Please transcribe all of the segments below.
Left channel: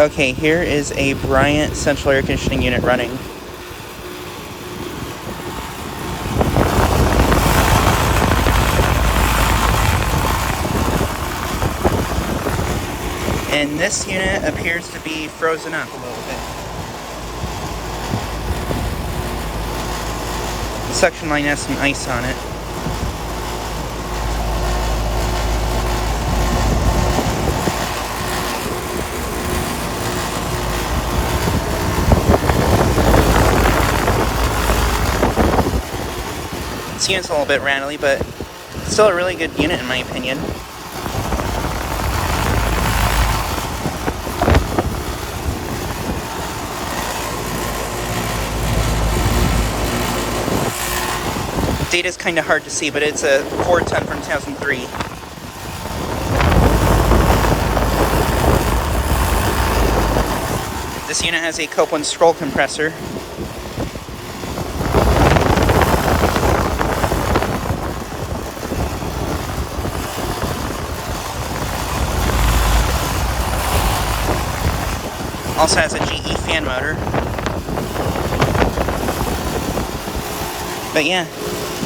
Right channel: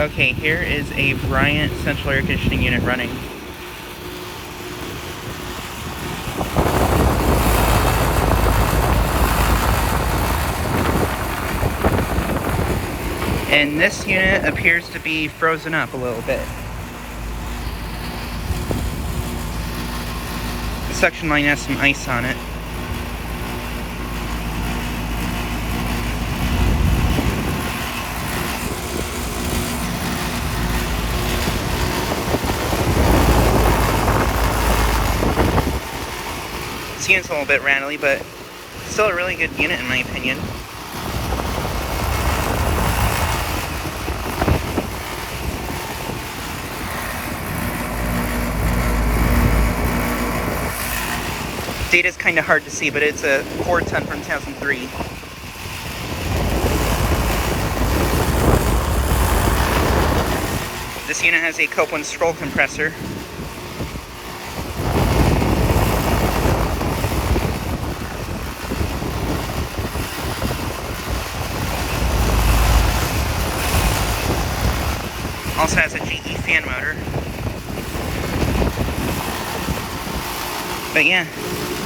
Okay, here is a Bryant central air conditioning unit running. And this unit appears to be frozen up a little bit. The suction line has some ice on it. This unit's a little bit rattly, but still a really good unit in my opinion. Data's kind of hard to see, but it's a 410 from 2003. This unit has a Copeland scroll compressor. Also has a GE fan motor. But yeah,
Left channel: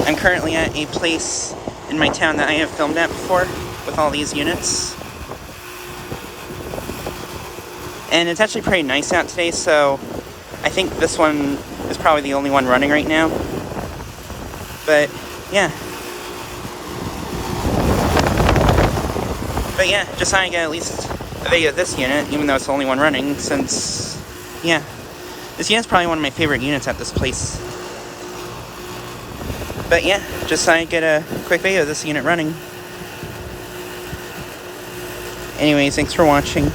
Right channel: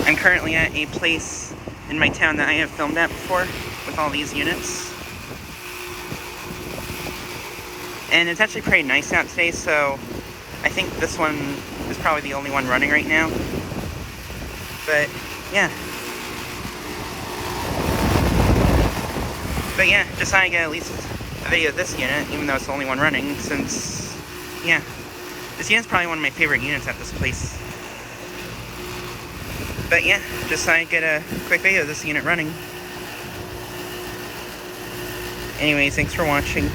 I'm currently at a place in my town that I have filmed at before with all these units. And it's actually pretty nice out today, so I think this one is probably the only one running right now. But yeah. Just thought I'd get at least a video of this unit, even though it's the only one running, since, yeah. This unit's probably one of my favorite units at this place. But yeah, just thought I'd get a quick video of this unit running. Anyways, thanks for watching.